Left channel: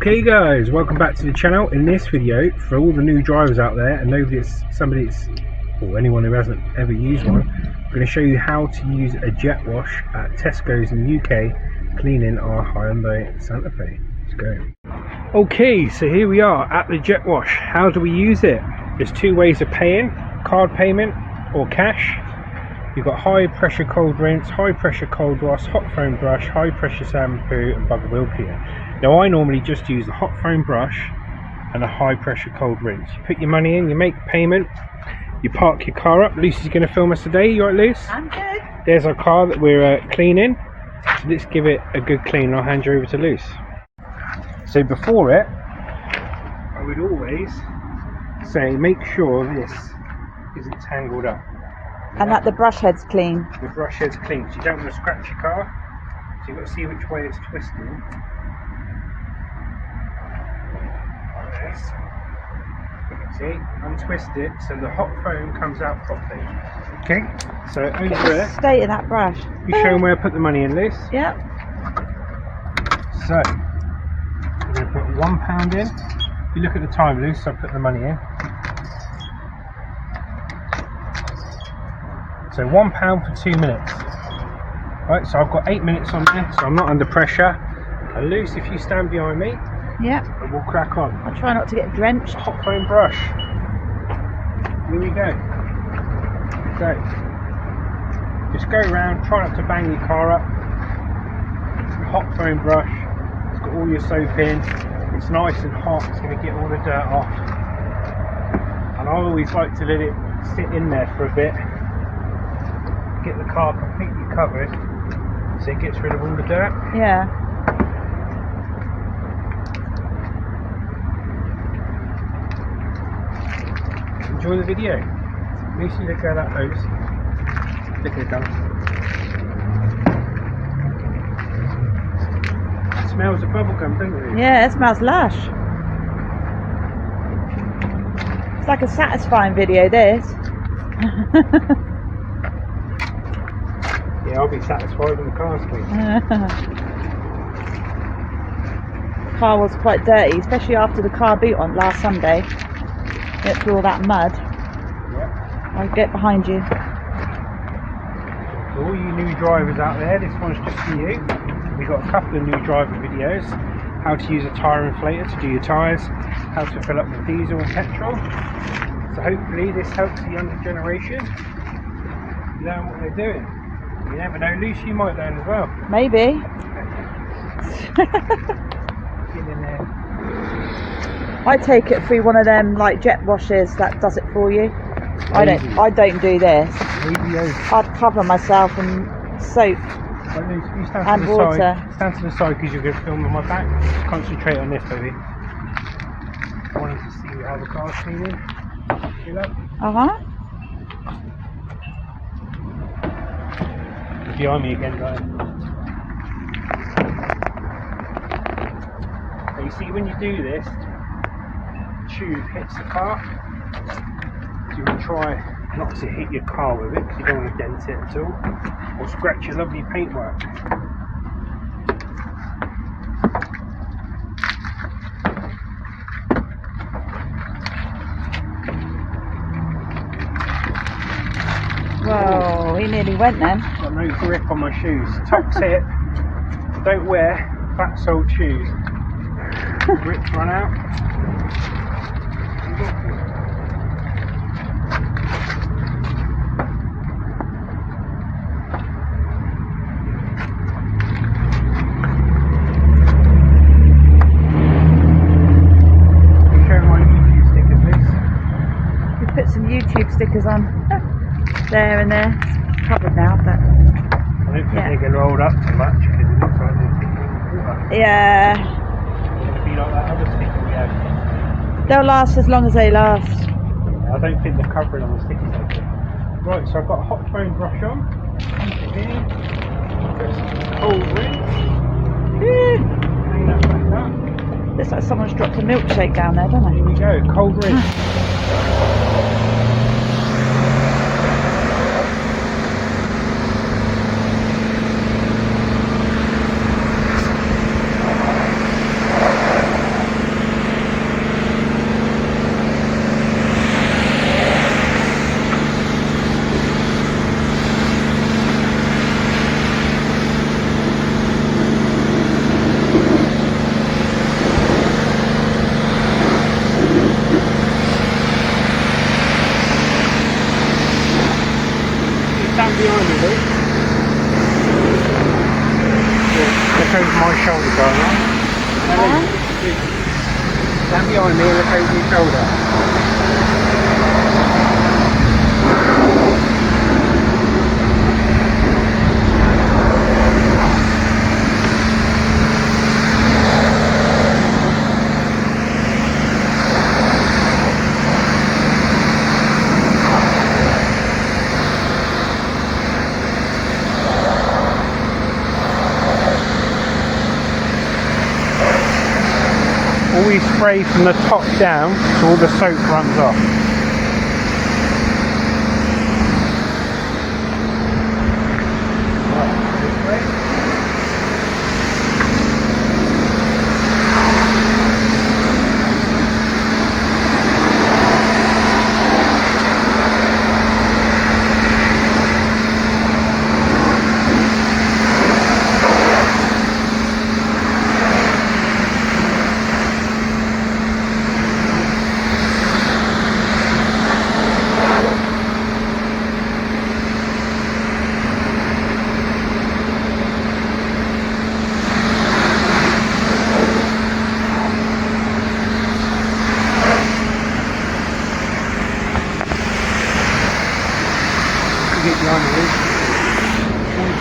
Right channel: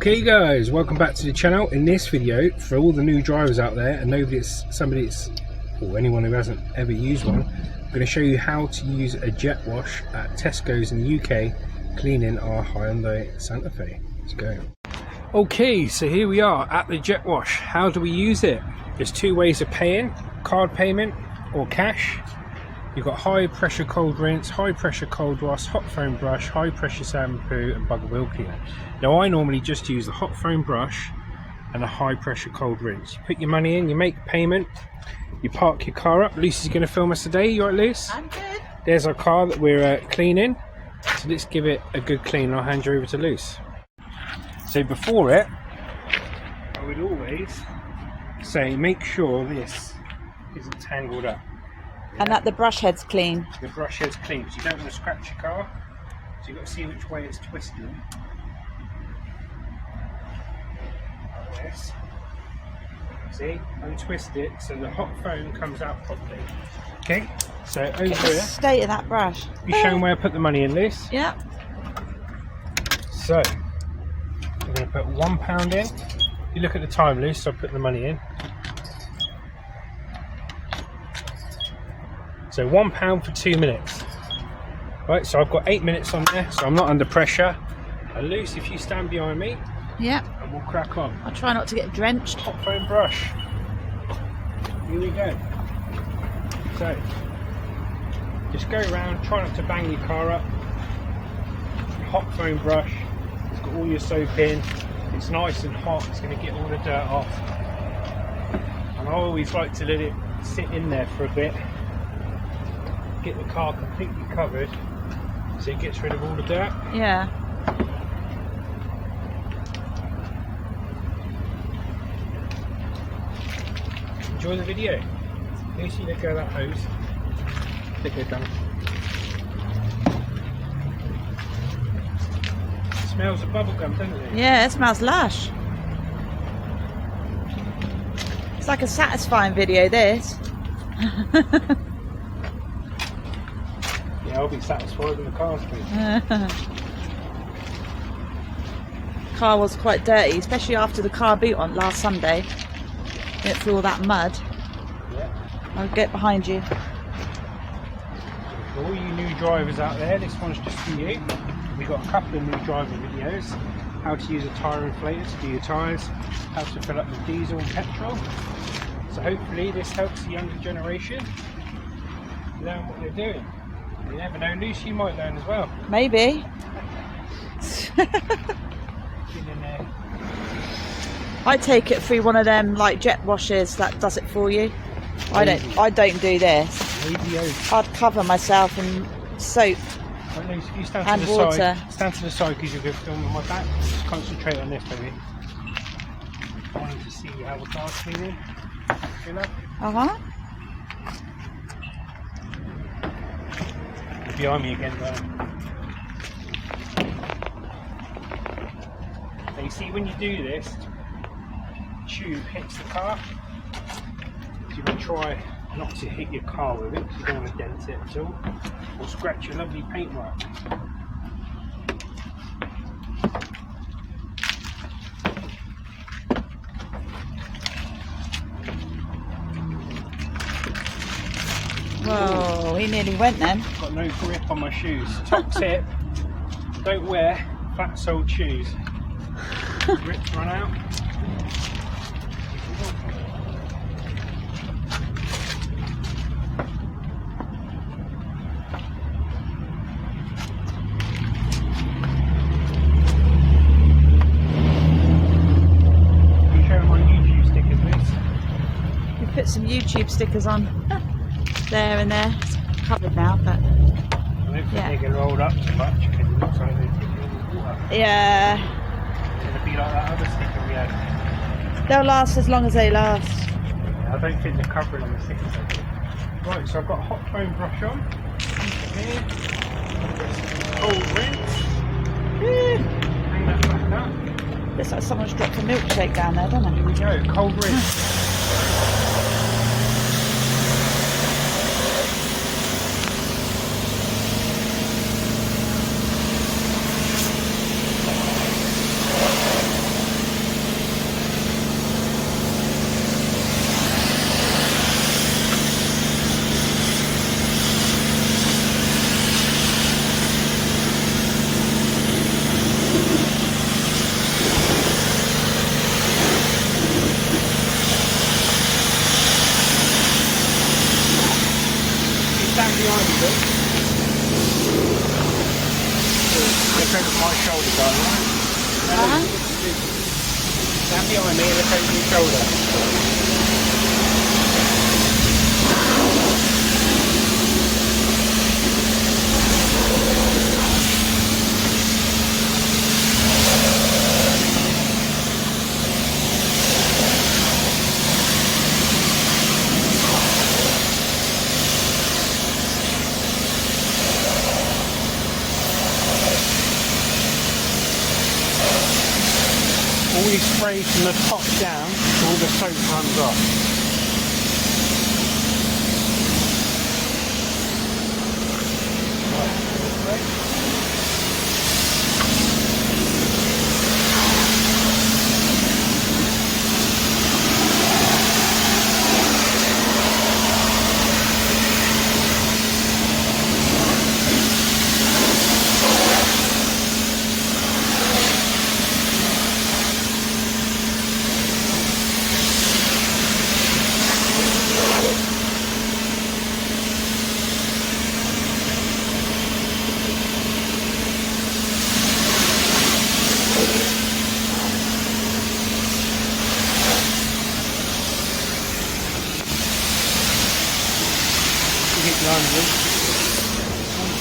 Okay guys, welcome back to the channel. In this video, for all the new drivers out there and or anyone who hasn't ever used one, I'm going to show you how to use a jet wash at Tesco's in the UK cleaning our Hyundai Santa Fe. Let's go. Okay, so here we are at the jet wash. How do we use it? There's two ways of paying: card payment or cash. You've got high pressure cold rinse, high pressure cold wash, hot foam brush, high pressure shampoo and bug wheel cleaner. Now I normally just use the hot foam brush and a high pressure cold rinse. You put your money in, you make the payment, you park your car up. Lucy's going to film us today. You right, Luce? I'm good. There's our car that we're cleaning. So let's give it a good clean. I'll hand you over to Luce. So before it, I would always say make sure this isn't tangled up. And that the brush head's clean. The brush head's clean, so you don't want to scratch your car. So you've got to see which way it's twisting. Like this. See? Untwist it so the hot foam comes out properly. Okay? So over there. State of that brush. You show them where I put the money in this. Yep. So we're going to put £1 in. You look at the time, Luce, so I put the money in. So £1 for 2 minutes. Right, so I've got 8 minutes on there, so I'm not under pressure. And Luce, if you stand behind me, yep, and we'll crack on. I'll try not to get drenched. Hot foam brush. Here we go. So just go around, try not to bang your car up. Hot foam brush. It's got all your soap in. It's nice and hot. It's going to get all the dirt off. And I always like to let it sit in there for a bit. Get the car completely covered so it gets rid of all the dirt. Yeah. Enjoy the video. Lucy, look at that hose. Look at that. It smells of bubblegum, doesn't it? Yeah, it smells lush. It's like a satisfying video, this. Yeah, I'll be satisfied when the car's clean. The car was quite dirty, especially after the car boot on last Sunday. It through all that mud. Yep. I'll get behind you. For all you new drivers out there, this one's just for you. We've got a couple of new driver videos. How to use a tyre inflator to do your tyres. How to fill up with diesel and petrol. So hopefully this helps the younger generation know what they're doing. You never know, Lucy, you might learn as well. Maybe. Get in there. I take it through one of them like jet washers that does it for you. I don't do this. I'd cover myself in soap Right, Lucy, if you stand and to the water. side, stand to the side because you're going to film on my back. Just concentrate on this, baby. I wanted to see how the car's cleaning. Feel that? Uh-huh. Behind me again, guys. So you see, when you do this, the tube hits the car. So you want to try not to hit your car with it because you don't want to dent it at all, or scratch your lovely paintwork. Whoa, he nearly went then. Got no grip on my shoes. Top tip: don't wear flat-soled shoes. The grips run out. You show my YouTube stickers, please. We put some YouTube stickers on there and there. It's covered now, but I don't think they get rolled up too much because it looks like they're ticking in the water. yeah, It'd be like that other sticker we had. they'll last as long as they last. I don't think they're covering on the stickers. Right, so I've got a hot foam brush on. Cold rinse. Bring that back up. Looks like someone's dropped a milkshake down there, doesn't Here it? we go, cold rinse. behind me, Luke. Look over my shoulder, Brian. Stand behind me and look over your shoulder. Always spray from the top down so all the soap runs off.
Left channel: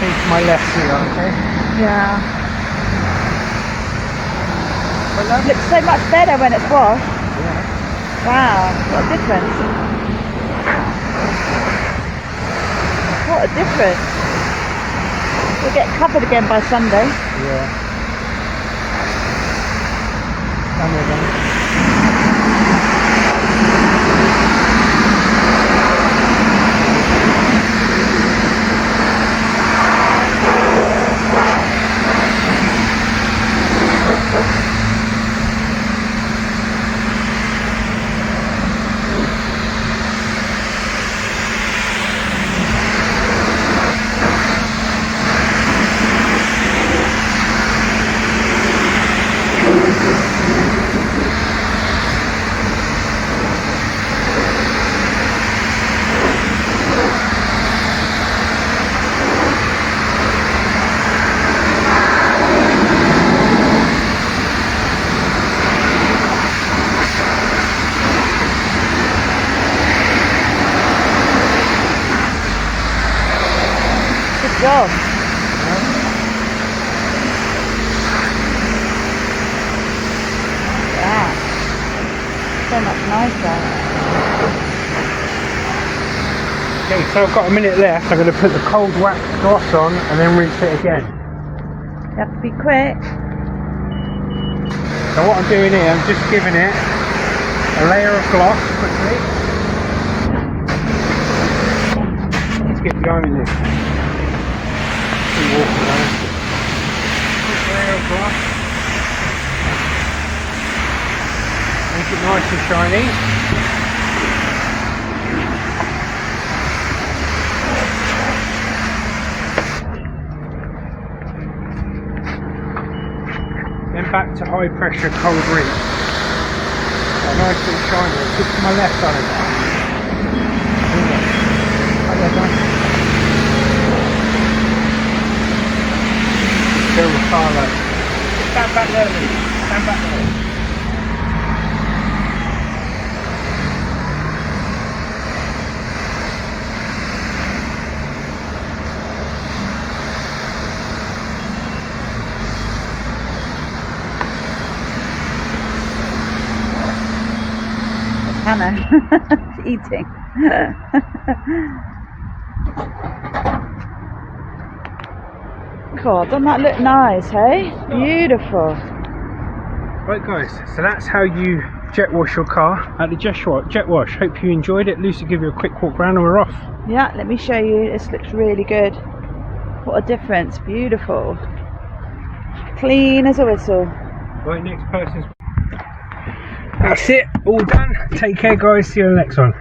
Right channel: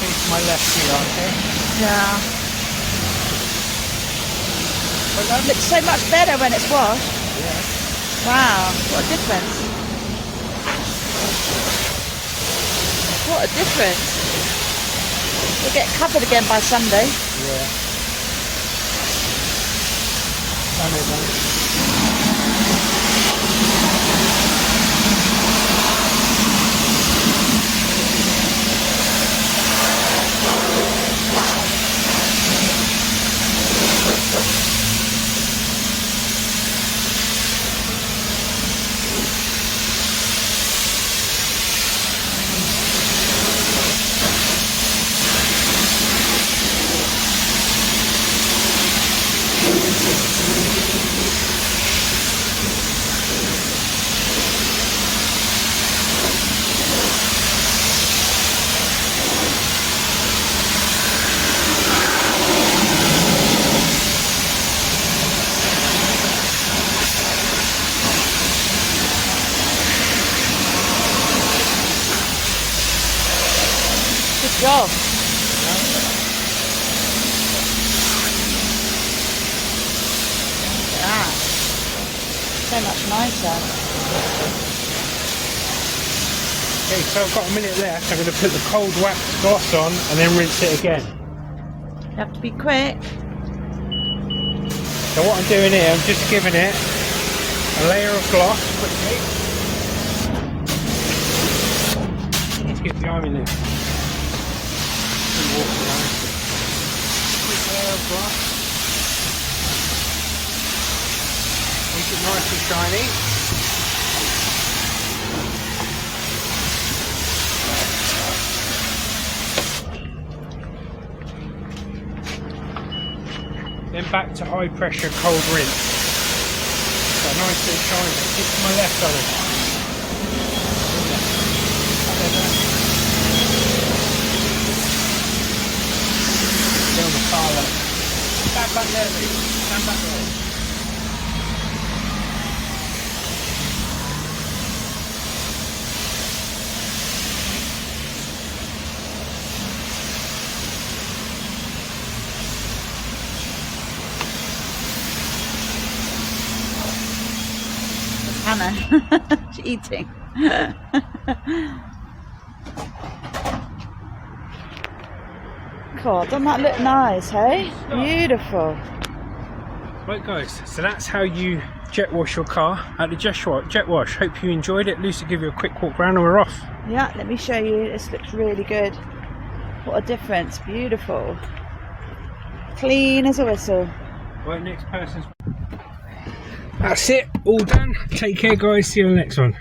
Take my left here, okay? Yeah. It looks so much better when it's washed. Wow, what a difference. What a difference. We'll get covered again by Sunday. Yeah. Some of them. Wow. Yeah. So much nicer. Okay, so I've got a minute left. I'm going to put the cold wax gloss on and then rinse it again. You have to be quick. So what I'm doing here, I'm just giving it a layer of gloss quickly. Let's get behind me now. Quick layer of gloss. Make it nice and shiny. Then back to high pressure cold rinse. So nice and shiny. Stick to my left on it. Fill the fire. Stand back there, Lee. Stand back there. Hannah, she's eating. God, doesn't that look nice, hey? Beautiful. Right guys, so that's how you jet wash your car at the jet wash. Hope you enjoyed it. Lucy, give you a quick walk around and we're off. Yeah, let me show you. This looks really good. What a difference. Beautiful. Clean as a whistle. Right, next person's... That's it, all done. Take care guys, see you in the next one.